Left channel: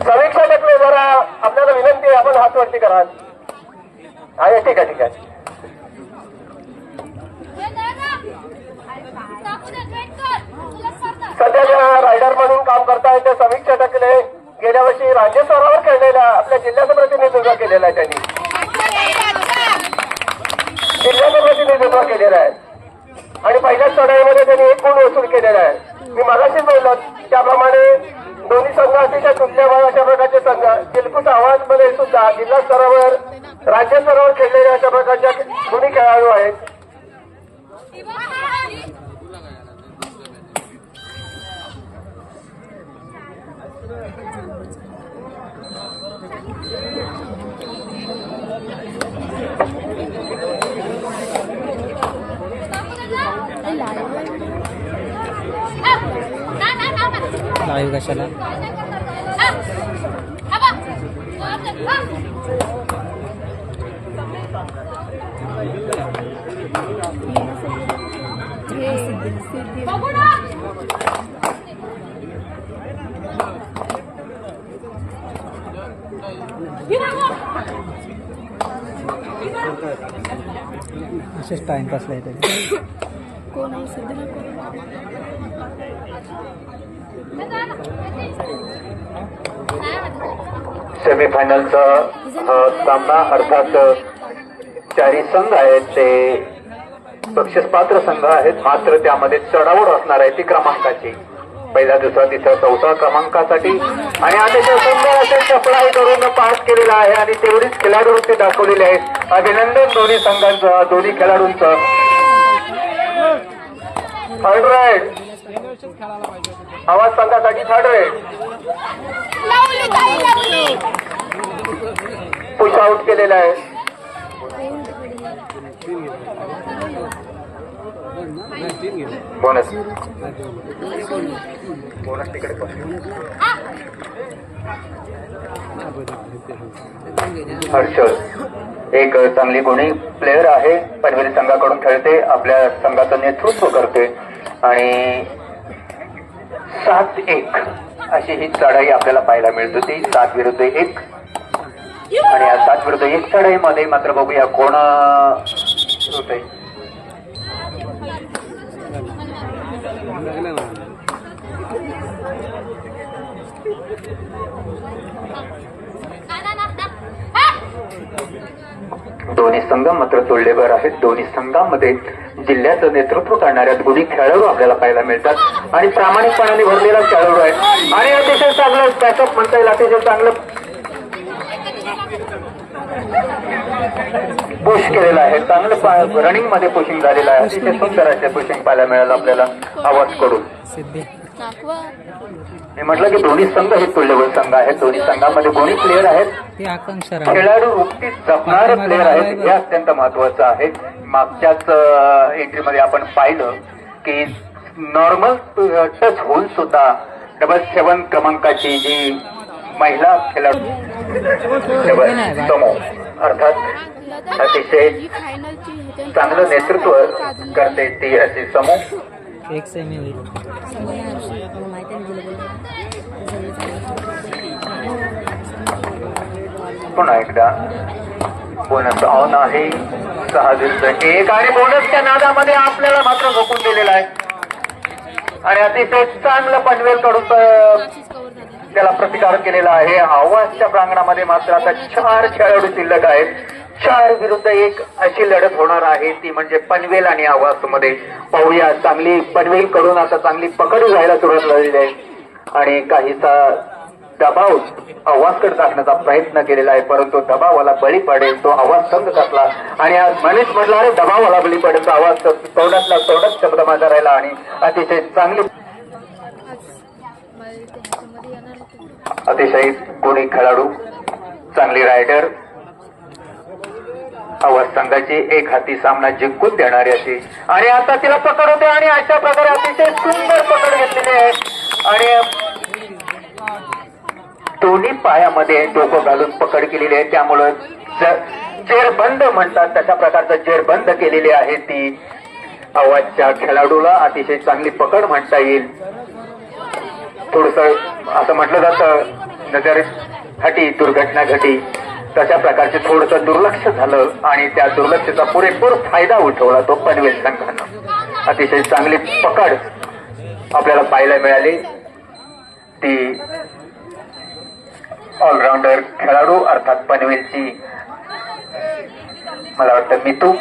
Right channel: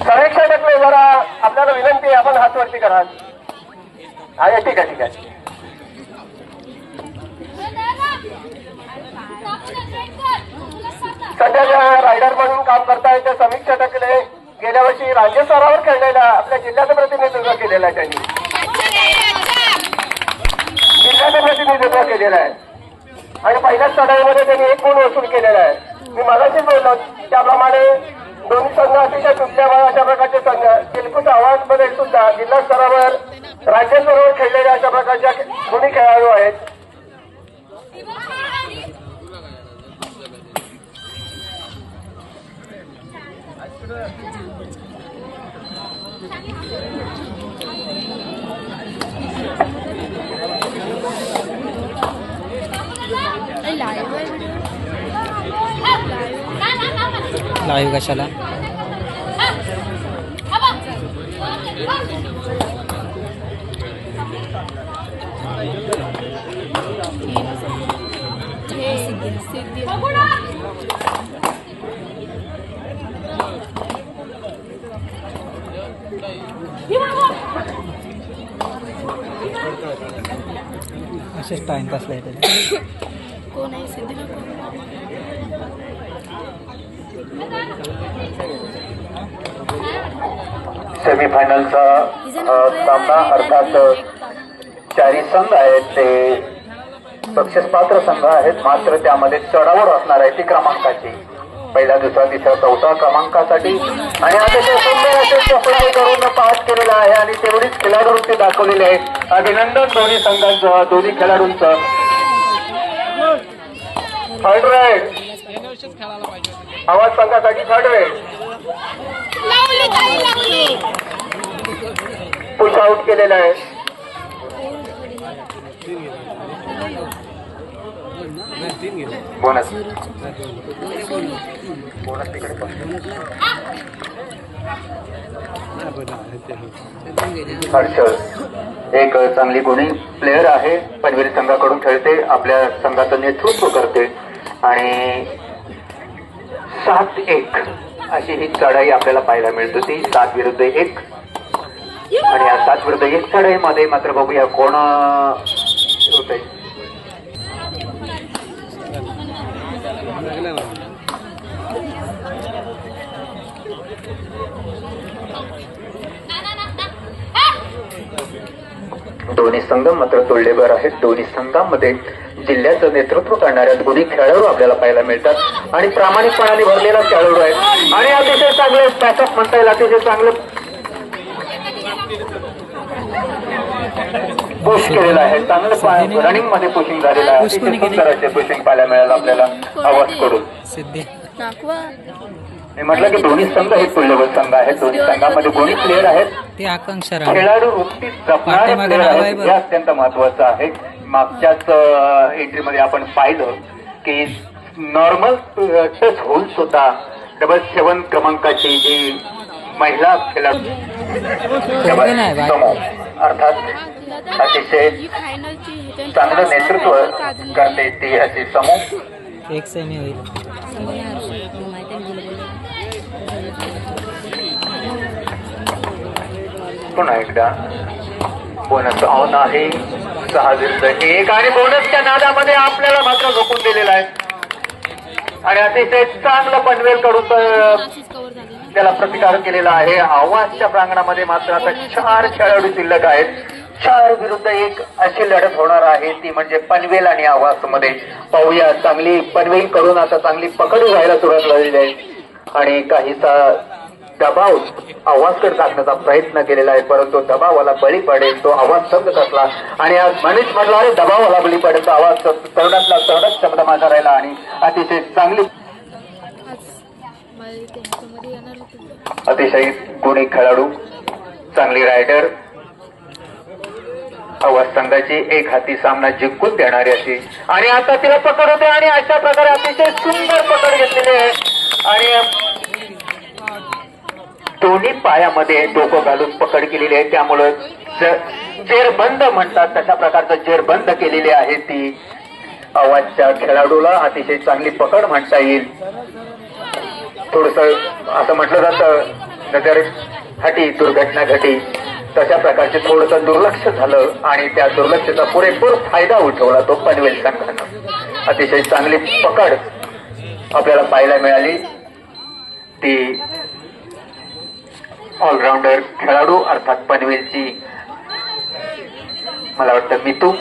समीक्षा जरा आपल्याला विनंती आहे आपण हात वरती कराल आहे ठीक आहे ठीक आहे. सध्या ज्या रायडर म्हणून काम करतायत त्या समीक्षा गेल्या वर्षी राज्य स्तरावर खेळलेल्या आपल्या जिल्ह्याचं प्रतिनिधित्व केलेलं आहे त्यांनी. जिल्ह्याचं प्रतिनिधित्व केलेलं आहे. आणि पहिल्या स्तरामध्ये त्यांनी एक गुण वसूल केलेला आहे. मी मगाशीच बोललो त्याप्रमाणे दोन्ही संघ अतिशय तुल्यबळ अशा प्रकारचे संघ. दिलखुश आव्हानमध्ये सुद्धा जिल्हा स्तरावर राज्य स्तरावर खेळलेले अशा प्रकारच्या दोन्ही खेळाडू आहेत. लाईव्ह आहे व्हिडिओ लाईव्ह कशाला हे सिद्धी असेच टाइमपासला येते कोण आहे? सिद्धी कोण सेमीफायनलचा सामना अर्थात चारी संघ आहेत ते बक्षीस पात्र संघ आहेत मात्र त्यामध्ये चढावड असणार आहे ती क्रमांकाची. पहिला दुसरा तिसरा चौथा क्रमांकासाठी. आणि अतिशय सुंदर असे चपळी करून पास केलेला आहे आणि तेवढीच खेळाडूंचे दाखवलेले आहेत. अभिनंदन दोन्ही संघांचं दोन्ही खेळाडूंचं. थर्ड राईड आवाज संघासाठी थर्ड राईड पुश आउट केलेला आहे बोनस बोनस तिकडे पण. हर्षल. एक चांगली गुणी प्लेअर आहे. पनवेल संघाकडून खेळते. आपल्या संघाचं नेतृत्व करते आणि सात एक अशी ही चढाई आपल्याला पाहायला मिळत. होती सात विरुद्ध एक. आणि या सात विरुद्ध एक चढाईमध्ये मात्र बघूया कोण होत दोन्ही संघ मात्र तुल्यबळ आहेत. दोन्ही संघांमध्ये जिल्ह्याचं नेतृत्व करणाऱ्या दोन्ही खेळाडू आपल्याला पाहायला मिळतात. आणि प्रामाणिकपणाने भरलेला खेळाडू आहे. आणि अतिशय चांगलं बॅकअप म्हणता येईल अतिशय चांगलं. पुश केलेलं आहे. चांगलं रनिंगमध्ये पुशिंग झालेलं आहे. अतिशय सुंदर असे पुशिंग पाहायला मिळालं आपल्याला आवाजकडून नागवा मी म्हटलं की दोन्ही संघ हे तुल्यबळ संघ आहेत. दोन्ही संघामध्ये दोन्ही प्लेअर आहेत. ते आकांक्षा राव खेळाडू वृत्तीत जपणारे प्लेअर आहेत. हे अत्यंत महत्वाचं आहे. मागच्याच एंट्रीमध्ये आपण पाहिलं की नॉर्मल टच होऊन सुद्धा डबल सेवन क्रमांकाची जी महिला खेळाडू अर्थात अतिशय चांगलं नेतृत्व करते ती असे समूह एक सेमी होईल. पुन्हा एकदा. बोनस ऑन आहे. सहा विरुद्ध एक आणि बोनसच्या नादामध्ये आपल्याला मात्र झोकून दिलेला आहे. आणि अतिशय चांगलं पनवेल कडून त्याला प्रतिकार केलेला आहे. आवाजच्या प्रांगणामध्ये मात्र आता चार खेळाडू शिल्लक आहेत. चार विरुद्ध एक अशी लढत होणार आहे. ती म्हणजे पनवेल आणि आवाजमध्ये पाहूया चांगली पनवेल कडून आता चांगली पकड घ्यायला सुरुवात झालेली आहे. आणि काहीसा दबाव तर टाकण्याचा प्रयत्न केलेला आहे परंतु दबावाला बळी पडेल तो आवाज संघ कसला? आणि आज मनीष म्हटला अरे दबावाला बळी पडेल तो आवाज तोंडातला तोंडात शब्द माझा राहिला आणि अतिशय चांगली अतिशय गुणी खेळाडू चांगली रायडर आवाज संघाची एक हाती सामना जिंकून देणारी अशी. आणि आता तिला पकड होते आणि अशा प्रकारे अतिशय सुंदर पकड घेतलेली आहे. आणि दोन्ही पायामध्ये डोकं घालून पकड केलेली आहे. त्यामुळं जेरबंद म्हणतात तशा प्रकारचं जेरबंद केलेली आहे ती. आवाजच्या खेळाडूला अतिशय चांगली पकड म्हणता येईल. थोडस असं म्हटलं जातं नगर हटी दुर्घटना घटी तशा प्रकारचे थोडस दुर्लक्ष झालं आणि त्या दुर्लक्षाचा पुरेपूर फायदा उठवला तो पनवेल संघानं. अतिशय चांगली पकड आपल्याला पाहायला मिळाली. ती ऑलराऊंडर खेळाडू अर्थात पनवेलची. मला वाटतं मितू.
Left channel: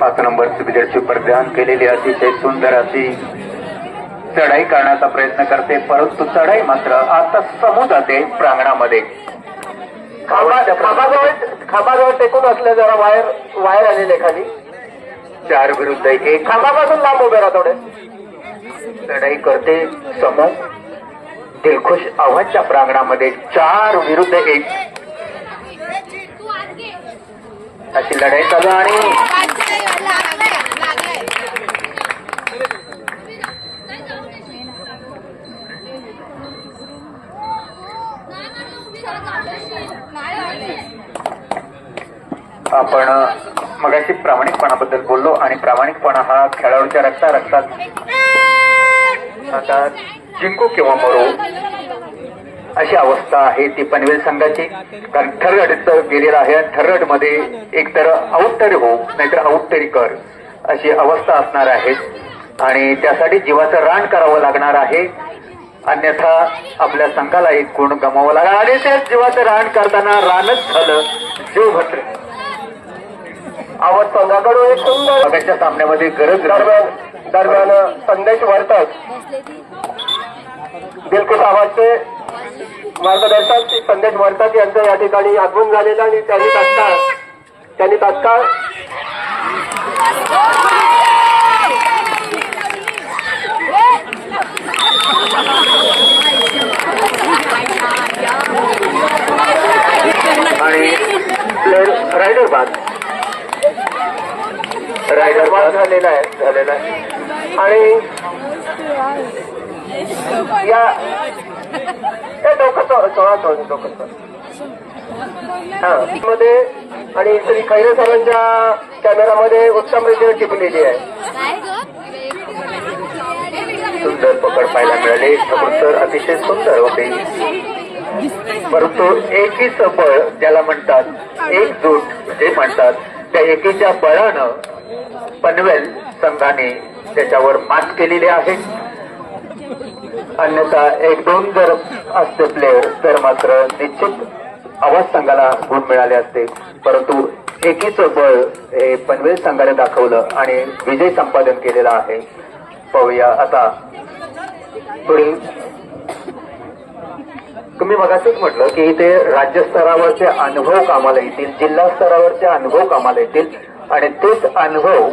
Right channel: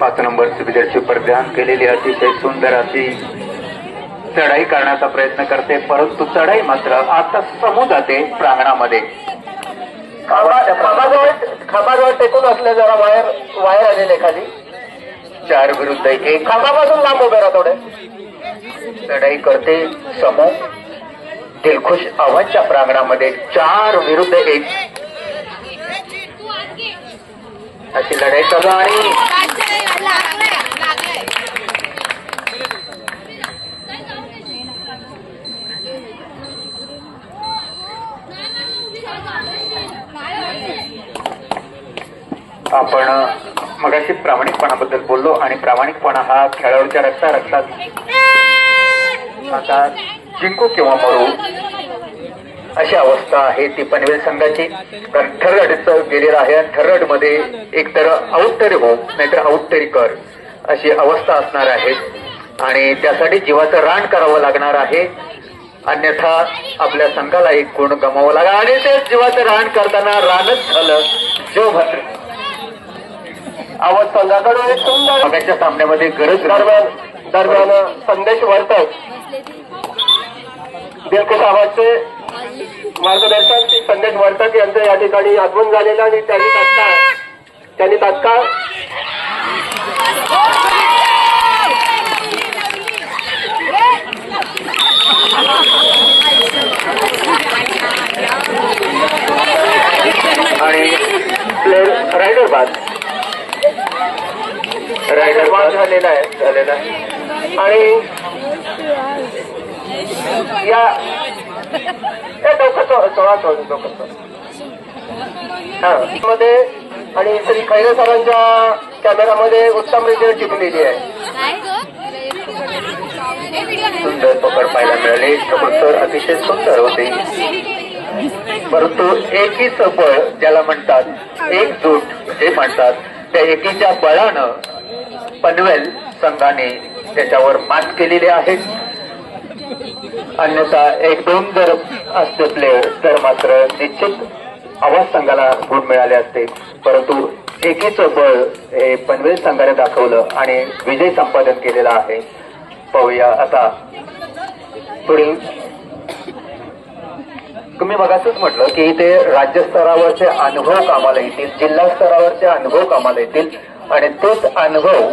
पाच नंबर सुविधेची परिधान केलेली अतिशय सुंदर अशी चढाई करण्याचा प्रयत्न करते परंतु चढाई मात्र आता समू जाते प्रांगणामध्ये. टेकून असले जरा बाहेर बाहेर आलेले खाली. चार विरुद्ध एक खांबापासून लांब उभे राहतो लढाई करते समोर. दिलखुश आव्हानच्या प्रांगणामध्ये चार विरुद्ध एक. अशी लढाई चालू आणि आपण मगाशी प्रामाणिकपणाबद्दल बोललो आणि प्रामाणिकपणा हा खेळाडूच्या रक्ता रक्तात आता जिंकू किंवा मरू अशी अवस्था आहे ती पनवेल संघाची. कारण ठरगडचं गेलेलं आहे आणि ठरगडमध्ये एकतर आऊट तरी हो नाहीतर आऊट तरी कर अशी अवस्था असणार आहे. आणि त्यासाठी जीवाचं रान करावं लागणार आहे. अन्यथा आपल्या संघाला एक गुण गमावं लागणार आणि ते जीवाचं रान करताना रानच झालं. जो भद्र आवाज संघाकडून एक सुंदर. सामन्यामध्ये गरज दरम्यान दरम्यान संदेश वर्तक दिलखुश आवाजचे मार्गदर्शन श्री संदेश वर्तक यांचं या ठिकाणी आगमन झालेलं आणि त्यांनी तात्काळ त्यांनी तात्काळ आणि प्लेअर रायडर बाद. रायडर झालेला आहे झालेला आहे. आणि या डोकं सोळा चोळा चोळ डोकं हा. मध्ये आणि श्री खैरे सरांच्या कॅमेरामध्ये उत्तम रीतीने टिपलेली आहे. सुंदर पकड पाहायला मिळाली. तर अतिशय सुंदर होते. परंतु एकीच बळ ज्याला म्हणतात एकजूट जे म्हणतात त्या एकीच्या बळानं पनवेल संघाने त्याच्यावर मात केलेली आहे. अन्यथा एक दोन जर असते प्लेअर तर मात्र निश्चित आवाज संघाला गुण मिळाले असते. परंतु एकीच बळ हे पनवेल संघाने दाखवलं आणि विजय संपादन केलेला आहे. पाहूया आता. पुढील. तुम्ही मगाशीच म्हटलं की इथे राज्यस्तरावरचे अनुभव कामाला येतील जिल्हा स्तरावरचे अनुभव कामाला येतील. आणि तेच अनुभव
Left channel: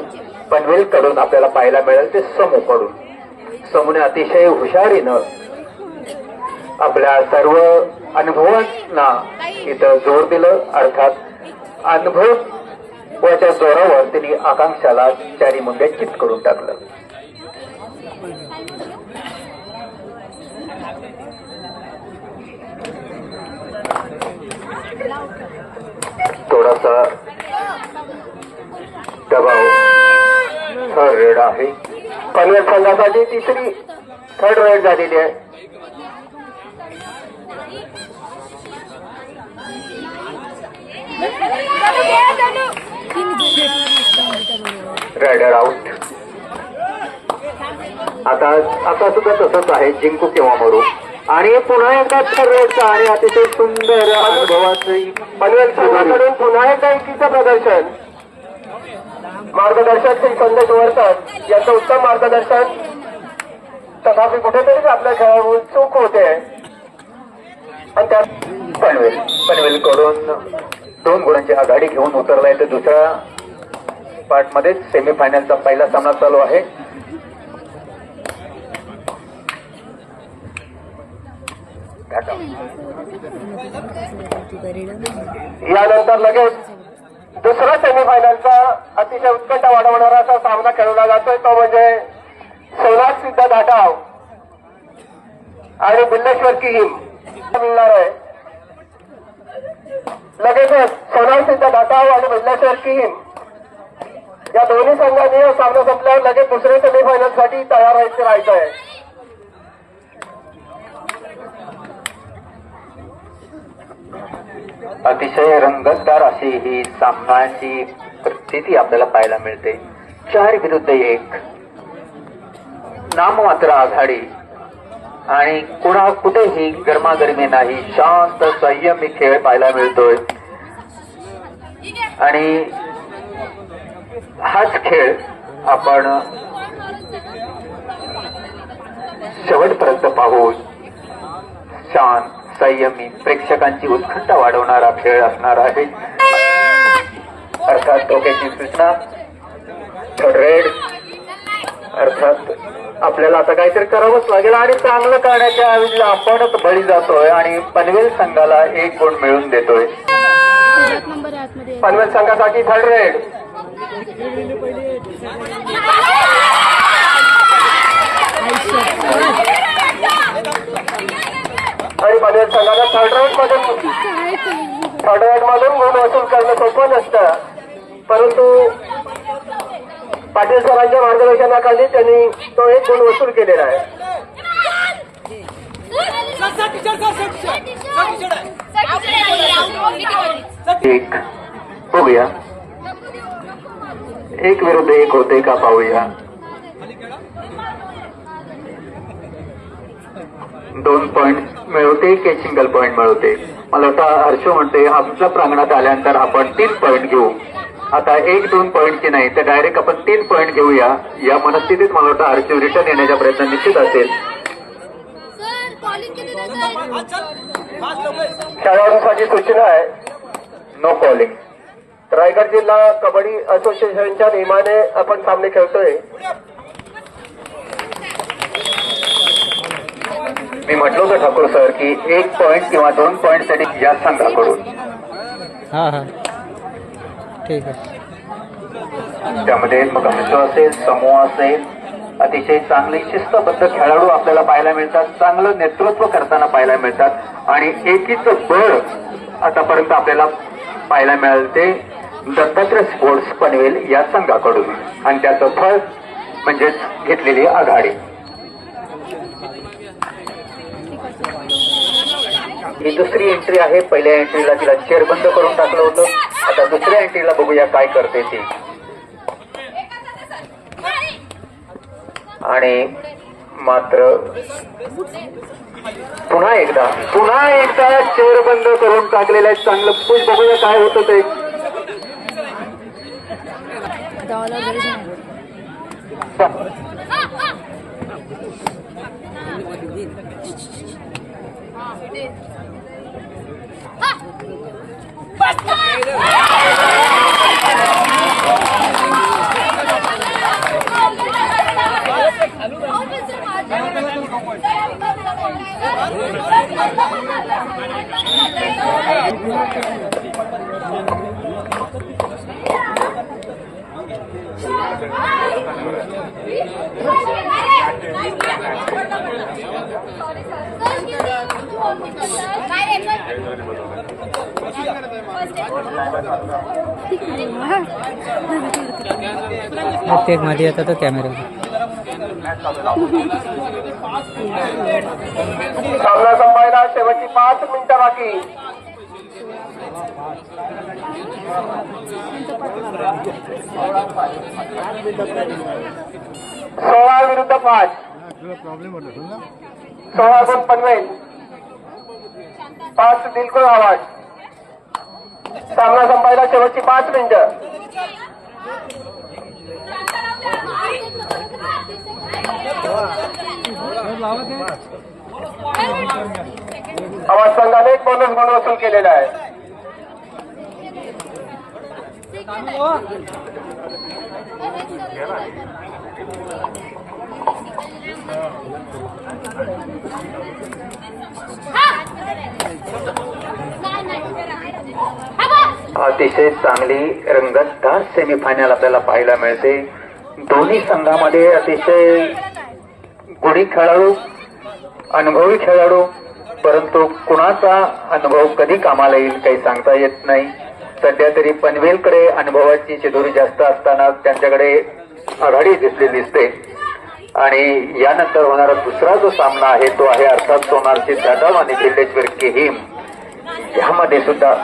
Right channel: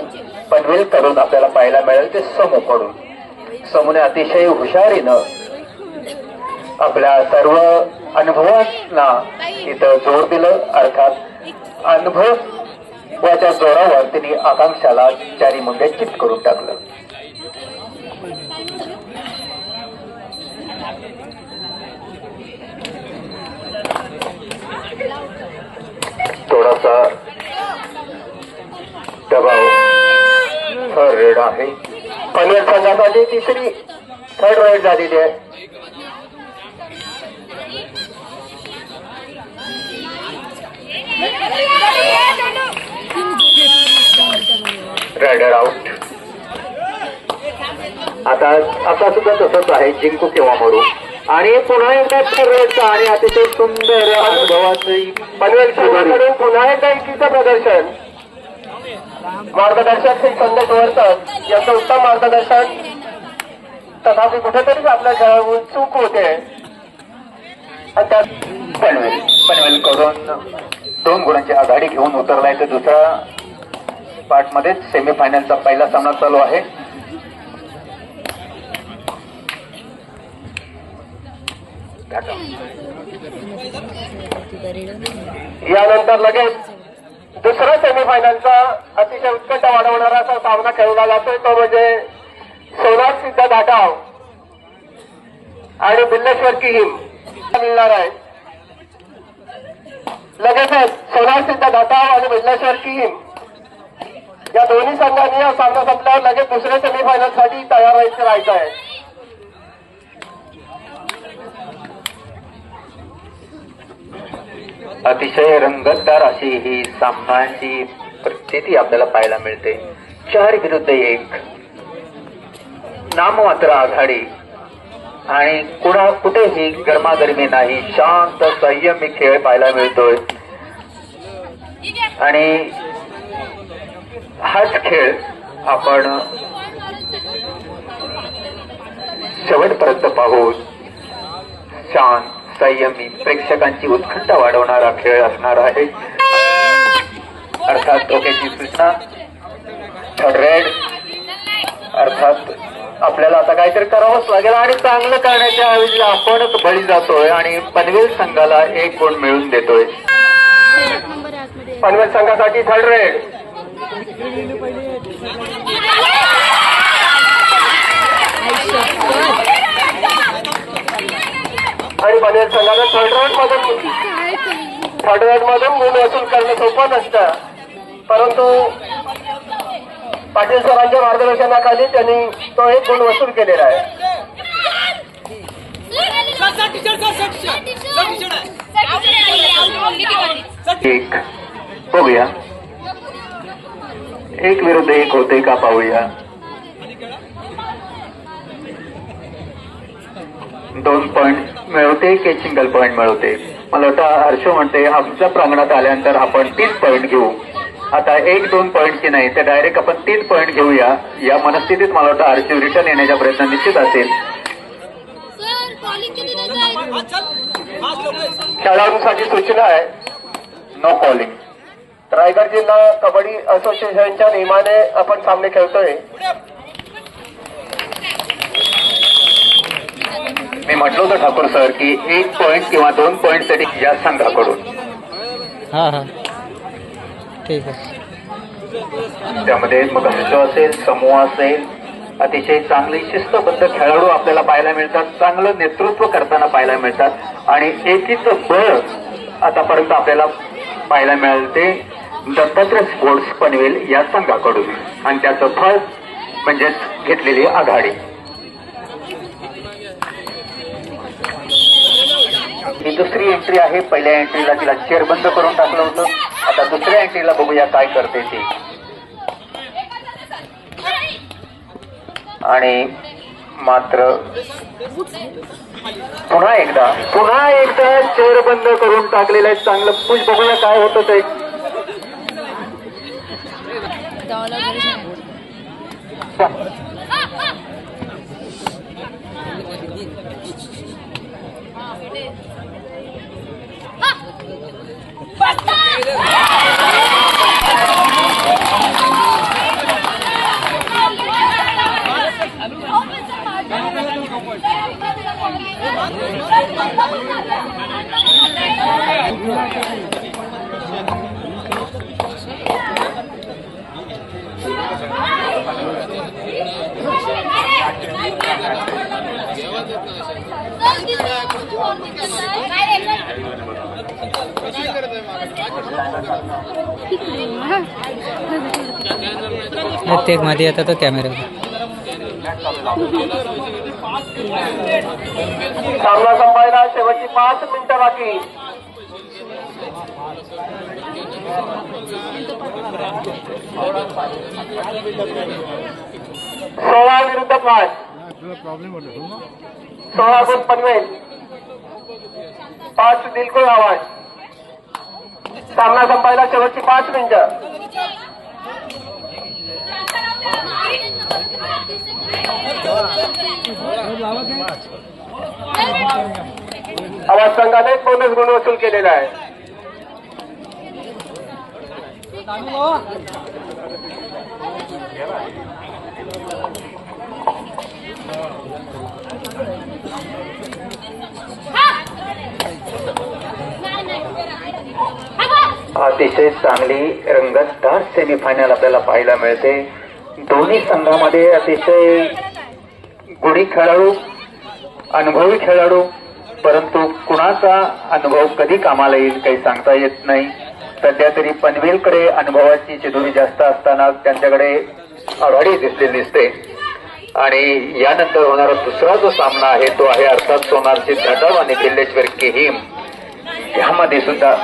पनवेलकडून आपल्याला पाहायला मिळेल ते समूकडून समूने अतिशय हुशारीनं आपल्या सर्व अनुभवांना इथं जोर दिलं. अर्थात अनुभव वाच्या जोरावर त्यांनी आकांक्षाला चारी मुंडे चित करून टाकलं थोडासा दबाव थर्ड रेड आहे ग्वालियर संघासाठी तिसरी थर्ड रेड झालेली आहे. रायडर आउट आता आता सुद्धा तसंच आहे जिंकू किंवा मरू. आणि पुन्हा एकदा थर्डचा आणि अतिशय सुंदर अनुभवाचं पनवेल पुन्हा एकदा एकीचं प्रदर्शन. मार्गदर्शक श्री संदेश वर्तक यांचं उत्तम मार्गदर्शन. तथापि कुठेतरी आपल्या चूक होते. आणि त्यात पनवेल पनवेल कडून दोन गुणांची आघाडी घेऊन उतरलाय ते दुसऱ्या पार्ट मध्येच सेमीफायनलचा पहिला सामना चालू आहे. यानंतर लगेच दुसरा सेमीफायनलचा अतिशय उत्कट वाढवणारा असा सामना खेळवला जातोय तो म्हणजे सोलार सिद्ध दाटाव आणि बिल्लेश्वर की हिम. मिळणार आहे. लगेचच सोलार सिद्ध दाटाव आणि बिल्लेश्वर की हिम. या दोन्ही संघांनी या सामना संपल्यावर लगेच दुसऱ्या सेमीफायनलसाठी तयार व्हायचं राहायचं आहे अतिशय रंगतदार अशी ही सामन्याची स्थिती आपल्याला पाहायला मिळते. चार विरुद्ध एक. नाममात्र आघाडी. आणि कुणा कुठेही गरमागरमी नाही शांत संयमी खेळ पाहायला मिळतोय. आणि हाच खेळ आपण शेवटपर्यंत पाहू शांत संयमी प्रेक्षकांची उत्खंठा वाढवणारा खेळ असणार आहे. अर्थात डोक्याची सूचना रेड अर्थात आपल्याला आता काहीतरी करावंच लागेल आणि चांगलं करण्याच्या ऐवजी आपणच बळी जातोय आणि पनवेल संघाला एक गुण मिळवून देतोय. पनवेल संघासाठी थर्ड रेड आणि बनेल संघाला थर्ड राऊंड मधून थर्ड राऊंड मधून गुण वसूल करणं सोपं नसतं. परंतु पाटील सरांच्या मार्गदर्शनाखाली त्यांनी तो एक गुण वसूल केलेला आहे. एक बघूया. एक विरुद्ध एक होते का पाहूया. दोन पॉइंट मिळवते की सिंगल पॉइंट मिळवते? मला वाटतं हर्ष म्हणते आमच्या प्रांगणात आल्यानंतर आपण तीन पॉइंट घेऊ. आता एक दोन पॉइंटची नाही तर डायरेक्ट आपण तीन पॉइंट घेऊया. या मनस्थितीत मला वाटतं हर्ष रिटर्न येण्याचा प्रयत्न निश्चित असेल. सर कॉलिंग किती द्यायचं खेळाडूसाठी सूचना आहे. नो कॉलिंग रायगड जिल्हा कबड्डी असोसिएशनच्या नियमाने आपण सामने खेळतोय. मी म्हटलं होतं ठाकूर सर की एक पॉइंट किंवा दोन पॉइंटसाठी या संघाकडून. हां हां. ठीक आहे. त्यामध्ये मग हर्ष असेल समूह असेल अतिशय चांगले शिस्तबद्ध खेळाडू आपल्याला पाहायला मिळतात चांगलं नेतृत्व करताना पाहायला मिळतात आणि एकीचं बळ आतापर्यंत आपल्याला पाहायला मिळते दत्तात्रय स्पोर्ट्स पनवेल या संघाकडून. आणि त्याचं फळ म्हणजेच घेतलेली आघाडी. ही दुसरी एंट्री आहे. पहिल्या एंट्रीला तिला चेअर बंद करून टाकलं होतं. आता दुसऱ्या एंट्रीला बघूया काय करते ती. आणि मात्र पुन्हा एकदा पुन्हा एकदा चेअर बंद करून टाकलेलं आहे. चांगलं पुश बघूया काय होतं ते. जा. हा. प्रत्येकमध्ये येतात तो कॅमेरा सामना संपायला शेवटची पाच मिनिटं बाकी. सोळा विरुद्ध पाच. सोळा गुण पनवेल. पाच दिलकुळ आवाज. सामना संपायला शेवटची पाच मिनिटं. आवाज संघाने एक बोनस गुण वसूल केलेला आहे. अतिशय चांगली रंगतदार सेमीफायनल आपल्याला पाहायला मिळते. दोन्ही संघामध्ये अतिशय गुढी खेळाडू अनुभवी खेळाडू परंतु कुणाचा अनुभव कधी कामाला येईल काही सांगता येत नाही. सध्या तरी पनवेलकडे अनुभवाची चिदोरी जास्त असताना त्यांच्याकडे आघाडी दिसली दिसते. आणि यानंतर होणारा दुसरा जो सामना आहे तो आहे अर्थात सोनारची जाधव आणि किल्लेश्वर केहीम. यामध्ये सुद्धा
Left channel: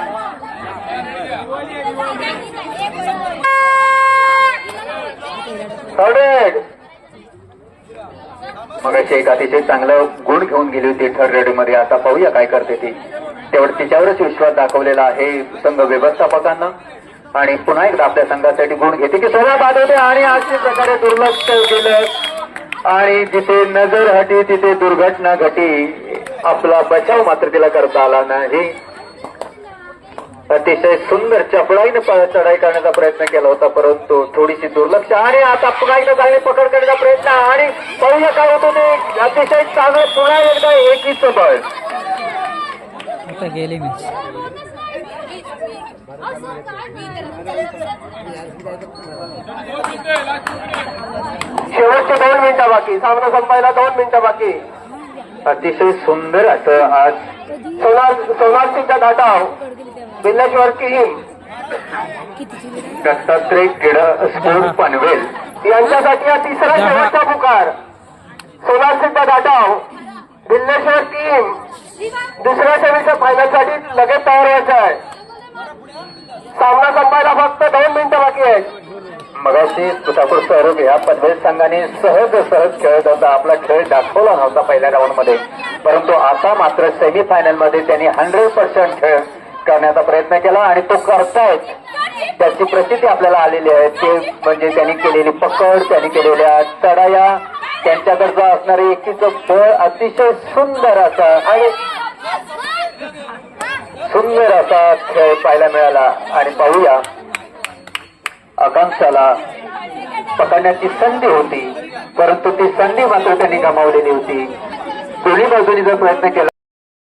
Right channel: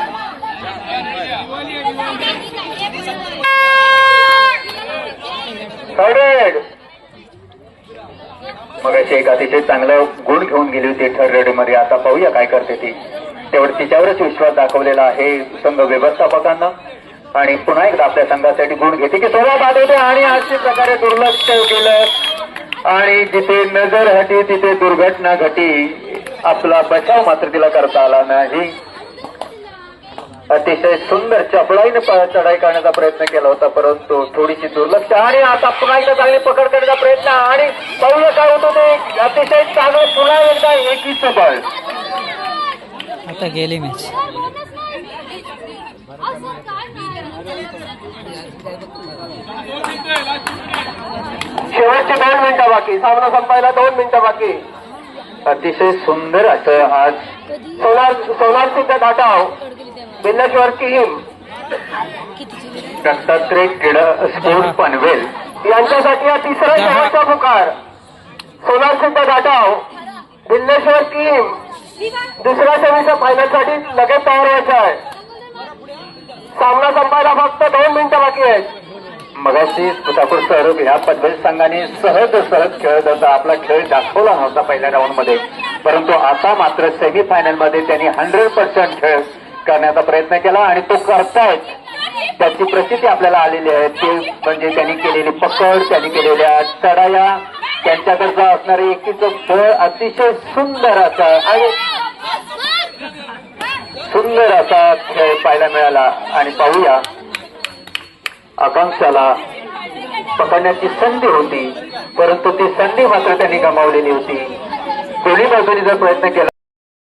थर्ड मग अशी एक अतिशय चांगलं गुण घेऊन गेली होती थर्ड रेडी मध्ये आता पाहूया काय करते ती. तेवढ तिच्यावरच विश्वास दाखवलेला आहे संघ व्यवस्थापकांना. आणि पुन्हा एकदा आपल्या संघासाठी गुण घेते की सोळा बाद होते आणि अशा प्रकारे दुर्लक्ष केलं. आणि जिथे नजर हटी तिथे दुर्घटना घटी. आपला बचाव मात्र तिला करता आला नाही. अतिशय सुंदर चपळाईने चढाई करण्याचा प्रयत्न केला होता परंतु थोडीशी दुर्लक्ष आणि आता पुन्हा एकदा चांगली पकड करण्याचा प्रयत्न आणि पाहूया काय होतं ते. अतिशय चांगलं पुन्हा एकदा एकीच बळ आता गेली मॅच शेवटचे दोन मिनिटं बाकी. सामना संपायला दोन मिनिटं बाकी. अतिशय सुंदर असं आज सोनार सोनार सिद्ध धाटाव पकड गेली तेव्हा बिल्लेश्वर किहीम कितीची गेली दत्तात्रय क्रीड स्पोर्ट पनवेल यांच्यासाठी हा तिसरा शेवटचा पुकार. सोनार सिद्ध घाटाव बिल्लेश्वर टीम दुसऱ्या सेमीच्या फायनलसाठी लगेच तयार व्हायचं आहे. सामना संपायला फक्त दोन मिनिटं बाकी आहेत. मगाशी ठाकूर सर या पनवेल संघाने सहज सहज खेळत होता. आपला खेळ दाखवला नव्हता पहिल्या राऊंडमध्ये. परंतु आता मात्र सेमी फायनलमध्ये त्यांनी हंड्रेड पर्सेंट खेळ करण्याचा प्रयत्न केला आणि तो करतायत त्याची प्रसिद्धी आपल्याला आलेली आहे. ते म्हणजे त्यांनी केलेली पकड त्यांनी केलेल्या चढाया त्यांच्याकडचा असणारे एकीचं बळ अतिशय सुंदर असा आणि सुंदर असा खेळ पाहायला मिळाला. आणि पाहूया. आकांक्षाला पकडण्याची संधी होती परंतु ती संधी मात्र त्यांनी गमावलेली होती. दोन्ही बाजूनी जर प्रयत्न केला